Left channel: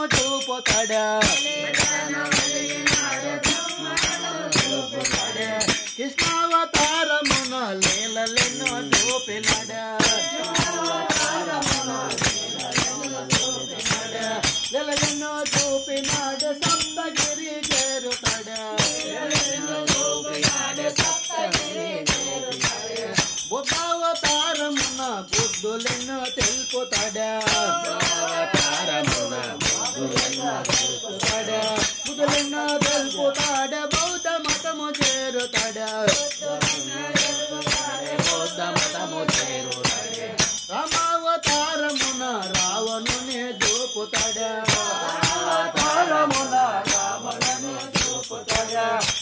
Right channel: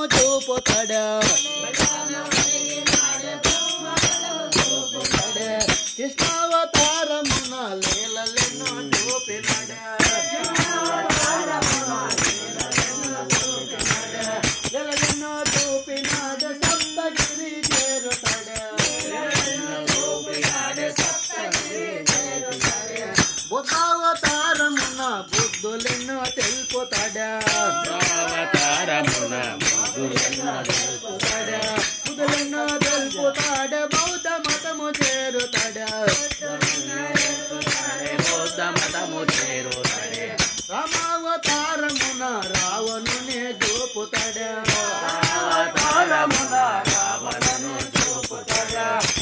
మతము చూపుతాడా కృష్ణావతారమున లీలలెన్నో చూపినాడా లీలలెన్నో చూపినాడు సప్తగిరి చేరుతాడా బుద్ధావతారమున బుద్ధులెన్నో తెలుపుతాడా బుద్ధులెన్నో తెలుపుతాడా బౌద్ధ మతము చేరుతాడా రామావతారమున రావణునే చూపుతాడా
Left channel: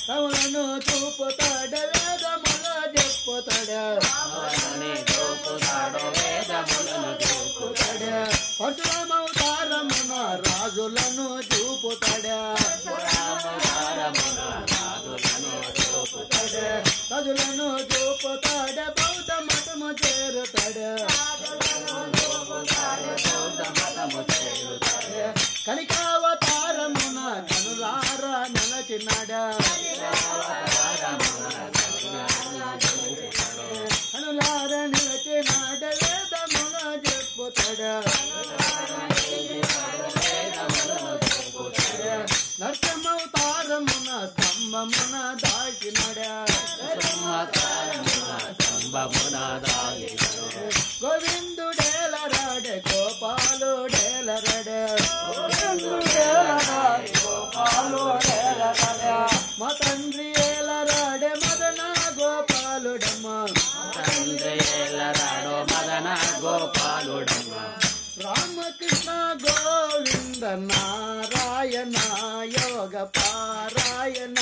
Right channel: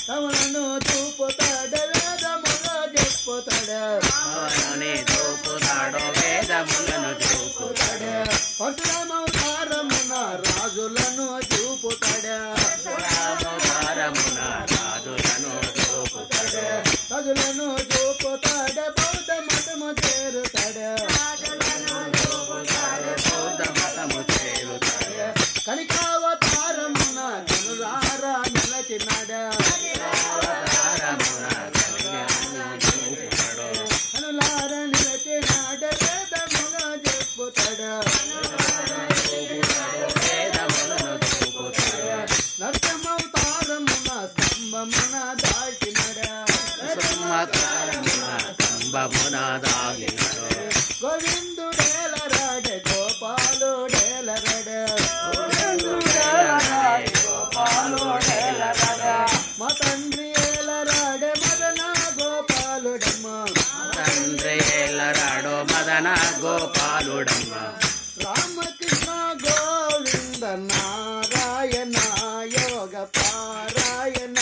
రావణును చూపుతాడా వేదములను చూపుతాడా పరశురామవతారమున రాజులను చూపుతాడా రాజులను చూపుతాడా బౌద్ధ మతము చేరుతాడా కనికావతారమున కనులారా నిలచినాడా కనులారా నిలచినాడ వేదమున చెప్పుతాడా నరసింహవతారమున స్తంభమున దాచినాడా గోవిందుడేలరాడే గోపాలుడేలరాడే మా తండ్రి ఏలరాడే మదన గోపాలుడమ్మ రామకృష్ణ గోవింద నారాయణ యోగ పారాయణ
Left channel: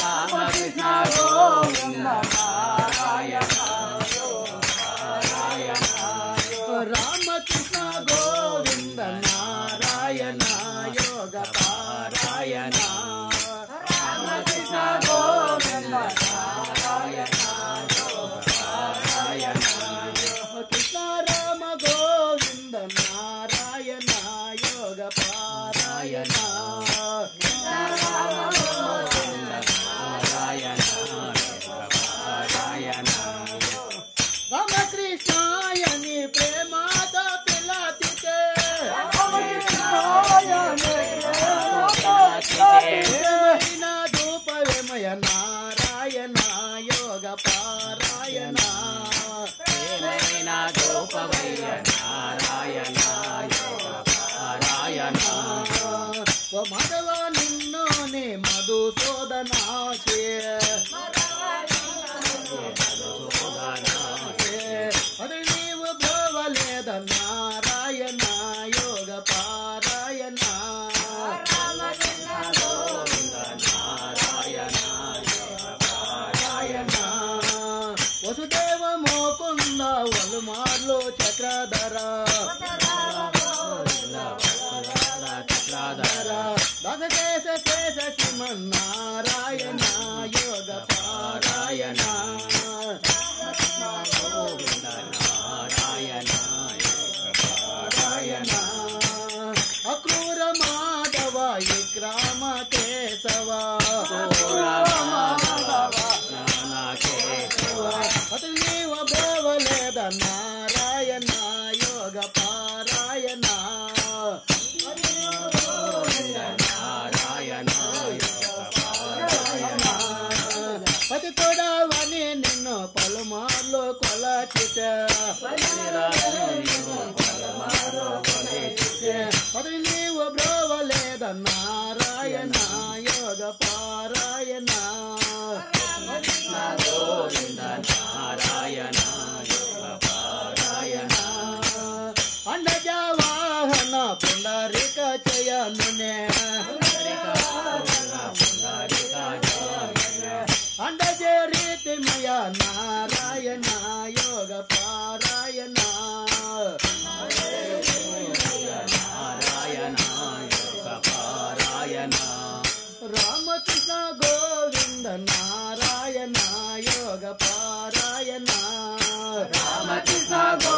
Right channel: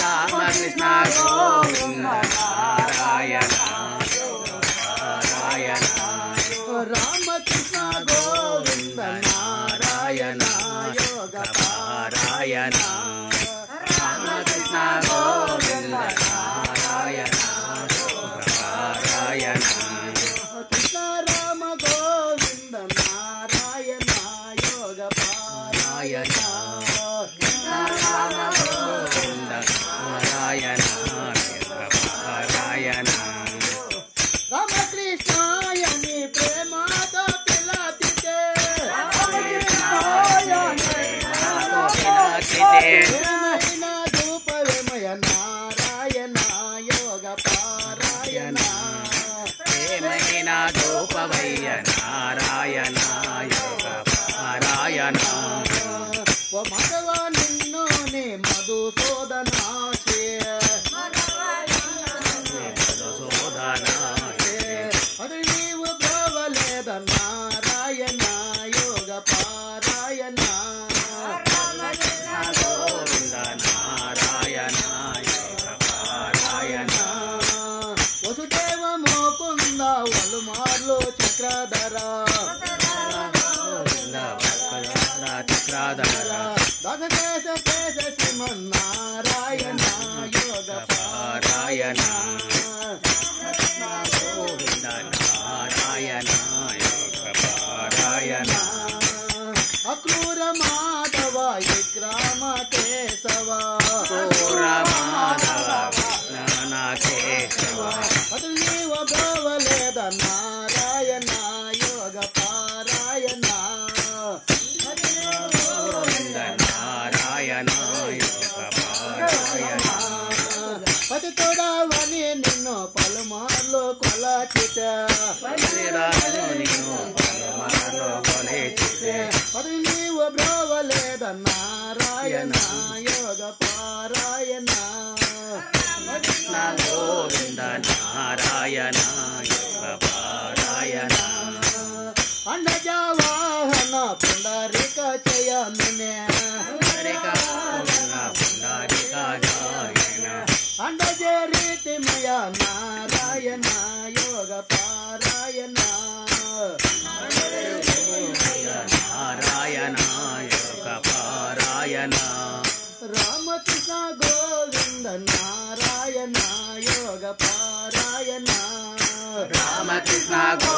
రామకృష్ణ గోవింద నారాయణ రామకృష్ణ గోవింద నారాయణ యోగ పారాయణ రామకృష్ణ గోవింద నారాయణ పారాయణ కృష్ణ రామ గోవింద నారాయణ యోగ పారాయణ రామ గోవింద నారాయణ పారాయణ రామకృష్ణాయని ప్రేమతో పిలచితే ధూపవేమయ నారాయణ యోగ పారాయణ ప్రేమైన ధూపవయ్య నారాయణ యోగ పారాయణ ఓ మగవ నిన్ను నే మధుసూదనాచే అది నీవు బ్రోవలేద నారాయణ యోగ పారాయణ నారాయణ యోగ పారాయణ వసుదేవ మోకుంద వలుమార్లు చక్రధర చక్రాధర దశకేశ కేశ శ్రీమన్నారాయణ యోగ పారాయణ గోవింద నారాయణ యోగ పారాయణ అక్రూర మాధవ విక్రమ కేశవ అది నీవ బ్రోవలేద నారాయణ యోగ పారాయణ నారాయణ యోగ పారాయణ పతి తోడవని నిన్ను పలుమార్లు కొలచిత పది నీవు బ్రోవలేద నారాయణ యోగ పారాయణ గోవింద నారాయణ యోగ పారాయణ అండజవాహన పుండరిక చేయనునే అండజే రీతిమయ నారాయణ యోగ పారాయణ నారాయణ యోగ పారాయణ రామకృష్ణ గోవింద నారాయణ యోగ పారాయణ రామకృష్ణ గో